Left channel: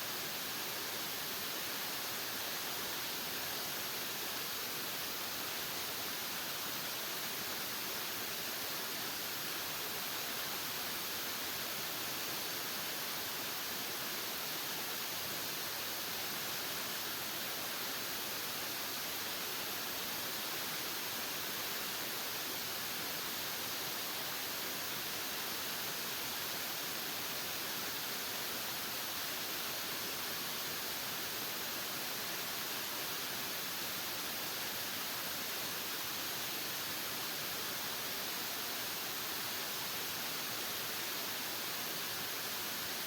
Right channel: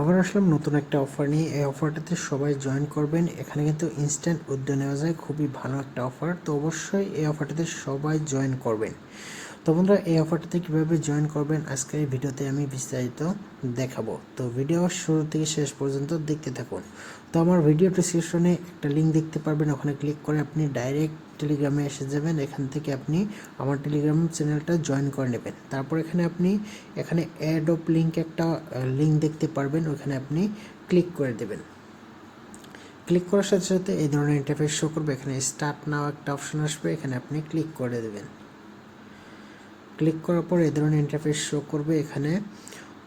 আবার আসলাম নতুন একটা অফার নিয়ে। এই অফারটাতে সবাই জয়েন করবেন। এখানে কিন্তু ইনস্ট্যান্ট উইথড্র নেওয়া যায়, খুবই ভালো একটা অফার। তো অবশ্যই এই অফারটাতে সবাই জয়েন করবেন। তো বন্ধুরা, এই অফারটাতে কীভাবে জয়েন করবেন আজকের এই ভিডিওতে আমি বিস্তারিত দেখাবো। তো ভিডিও শুরু থেকে শেষ পর্যন্ত দেখতে থাকুন। তো আমার ভিডিও ডেসক্রিপশনে একটা লিঙ্ক দেখতে পারবেন, ওখানে ক্লিক করে আপনি ডাইরেক্ট টেলিগ্রামে এসে যাবেন। এখান থেকে আপনি আমার টেলিগ্রাম চ্যানেলটা জয়েন করে নেবেন। তারপর এখানে অ্যাড অফ লিঙ্ক একটা লিঙ্ক দেখতে পারবেন, ওখানে আপনি ক্লিক করে দেবেন। ক্লিক করার সাথে সাথে এই ধরনের ইন্টারফেস শো করবে। এখানে স্টার্ট নাও একটা অপশন আসবে, এখানে আপনি ক্লিক করে দেবেন। ক্লিক করার পর এই ধরনের ইন্টারফেস শো করবে। এখানে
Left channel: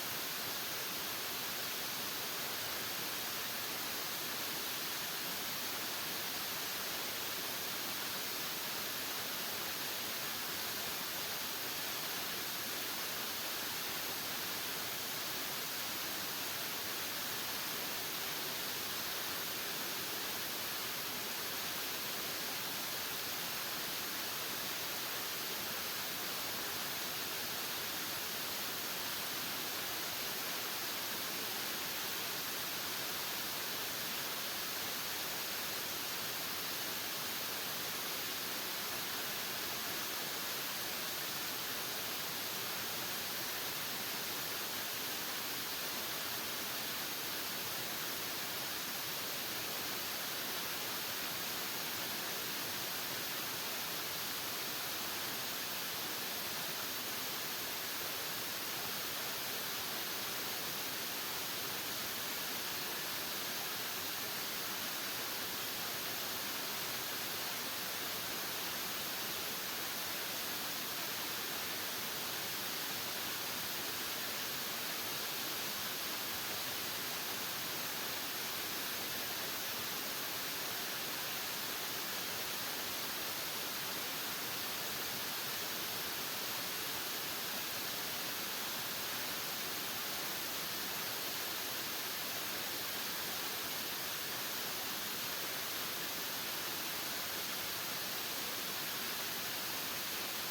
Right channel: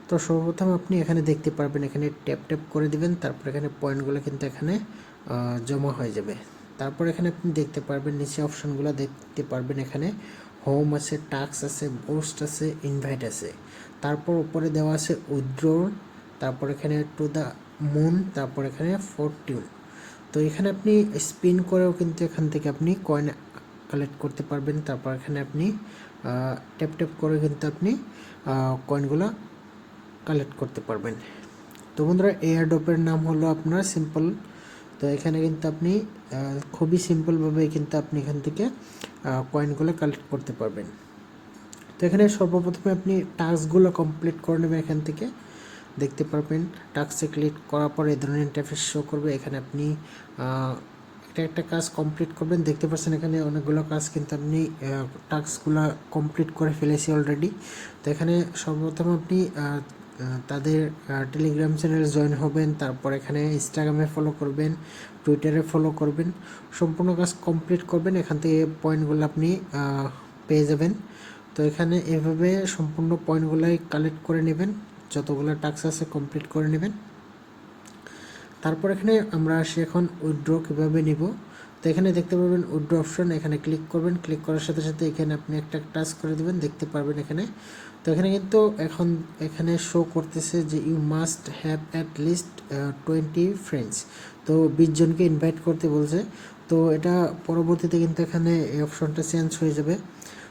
তো সর্বপ্রথম আপনি এখানে দেখতে পারবেন, এখানে ট্যাপ ট্যাপ করে দিবেন। তারপর এখানে পয়েন্টগুলো কিন্তু এখানে জমা হয়ে যাবে। তারপর এখানে আপনি দেখতে পারবেন নিচে অপশনগুলো দেখতে পারবেন। এখানে হোম আছে, টাস্ক আছে, পোস্ট আছে, ইনভাইট আছে। তারপর উপরে দেওয়া আছে উইথড্র, তারপর এখানে টু দ্য মুন, তারপর এখানে 14। তো এখানে আপনি স্পিন করেও কিন্তু এখান থেকে আপনি কয়েন কালেক্ট করতে পারবেন। তারপর এখানে আপনি ট্যাপ ট্যাপ করে কিন্তু আপনি কয়েনগুলো কালেক্ট করতে পারবেন। তো বন্ধুরা, এয়ারড্রপের নাম হলো আপনার সিম্পল। তো এখানে কিন্তু আপনি খুবই সিম্পলভাবে কিন্তু আপনি এখান থেকে কয়েনগুলো কালেক্ট করতে পারবেন। তো এখানে সর্বপ্রথমে আপনি টাস্কগুলো কমপ্লিট করে নেবেন। এখান থেকে দেখতে পারবেন টাস্কে ক্লিক করার পরে এই ধরনের ইন্টারফেস শো করবে। এখানে আপনি একটা কাজ কমপ্লিট করবেন। দেখতে পাচ্ছেন এখানে অনেকগুলো কাজ কিন্তু আপনি টাস্কগুলো কমপ্লিট করে ফেলেছি অলরেডি। তো এখানে সর্বপ্রথম আপনি তাদের টেলিগ্রাম চ্যানেলে জয়েন হবেন। তারপর এখানে ইনস্টাগ্রামে ফলো করবেন, টুইটারে ফলো করবেন, সম্পূর্ণ কাজ কমপ্লিট করবেন। এখান থেকে পয়েন্টগুলো আপনি পেয়ে যাবেন। তো এখানে এভাবে সম্পূর্ণ পয়েন্টগুলোই কালেক্ট করে নেবেন, যতগুলো টাস্ক আছে কমপ্লিট করে নেবেন। তারপর এখানে আমরা আসি এখন উইথড্র কীভাবে নিব। তো এখানে দেখতে পাবেন উইথড্র অপশন, এখানে ক্লিক করবেন। ক্লিক করার সাথে সাথে এখানে আপনি একটা টাস্ক করে দেবেন, দেখতে পারবেন এখানে। তো এখানে কিন্তু এখানে শো করতেছে যে you must have at least 20 friends. তো 20 জনকে ইনভাইট করতে বলছে। তো এটা পরবর্তীতে কিন্তু এখানে এই অপশনটা চেঞ্জ হয়ে যাবে।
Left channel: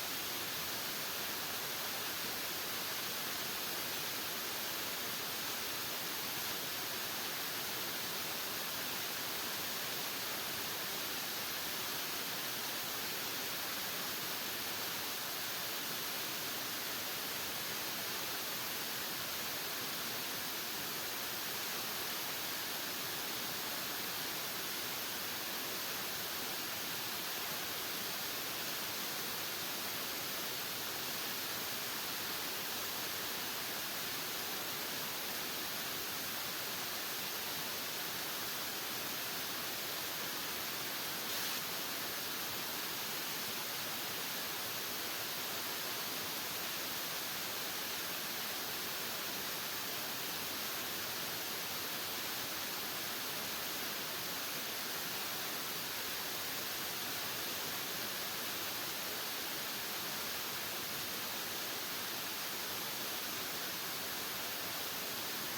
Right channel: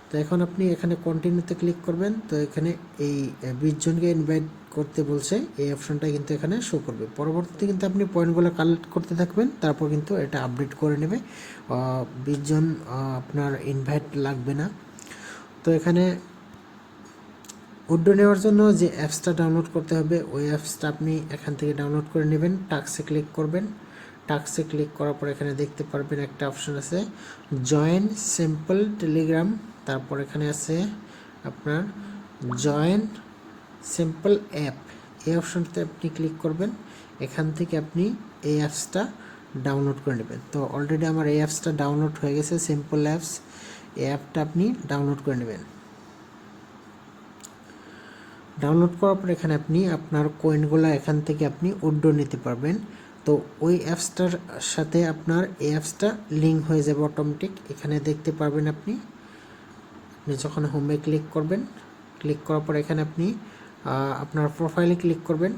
তো এখন আপনি এখানে কন্টিনিউতে ক্লিক করবেন। তো এখানে এই 20 জনকে ইনভাইট করতে বলছে, এই অপশনটা কিন্তু এখানে শো করবে। পরবর্তীতে কিন্তু আপনি পয়েন্টগুলো কালেক্ট করতে থাকবেন, তারপর কিন্তু এটা আপডেট করে নেবে। 20 জন আপনার ইনভাইট লাগবে না। তো এখানে উইথড্র নেওয়ার জন্য যে অ্যাপসটা ডাউনলোড করতে হবে, ওই অ্যাপসটা আপনি এখান থেকে ডাউনলোড করে নেবেন। টাস্কে ক্লিক করবেন। টাস্কে ক্লিক করার পর এখানে দেখতে পারবেন একটা অপশন আছে জয়েন সিম্পল টেলিগ্রাম। তারপর এখানে আছে আপনার জয়েন সিম্পল অ্যাপ, এই অপশনতে আপনি ক্লিক করবেন। এখান থেকে আপনি এই অ্যাপসটা ডাউনলোড করে নেবেন। তো অলরেডি আমার এই অ্যাপসটা ডাউনলোড হয়ে গেছে, সিম্পল অ্যাপস। এই অ্যাপটা আপনি ডাউনলোড করে নেবেন। ডাউনলোড করার পর এখানে আপনি আপনার কয়েনগুলো এখান থেকে আপনি উইথড্র নিতে পারবেন। তো ওই অ্যাপসটার সাথে আপনার এই অ্যাপসটা লিঙ্ক হয়ে যাবে অটোমেটিক। এখানে দেখতে পারবেন আপনি যখন হোমে ক্লিক করবেন, ক্লিক করার পর এখানে আপনি আপনার প্রোফাইলে ক্লিক করবেন।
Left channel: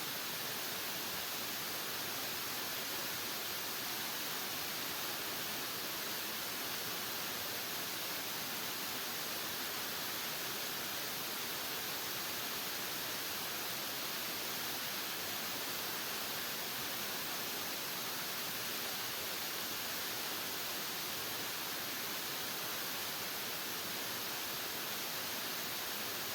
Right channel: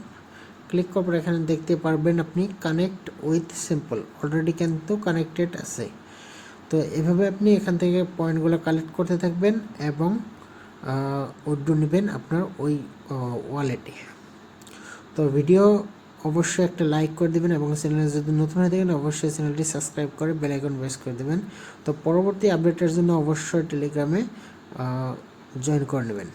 ক্লিক করার পর এখানে দেখতে পারবেন আপনি কানেক্ট উইথ সিম্পল, অলরেডি কিন্তু কানেক্টেড আছে। তো এভাবে আপনি এখান থেকে পয়েন্টগুলো কালেক্ট করতে থাকবেন এবং উইথড্র নেবেন আপনার ওই ওয়ালেটে। তো ভিডিও অবশ্যই একটা লাইক করে দেবেন এবং চ্যানেলে যদি নতুন হয়ে থাকেন অবশ্যই চ্যানেলটি সাবস্ক্রাইব করে বেল আইকন প্রেস করে দেবেন। তো পরবর্তী আপডেটের জন্য অবশ্যই টেলিগ্রামে জয়েন করে নেবেন।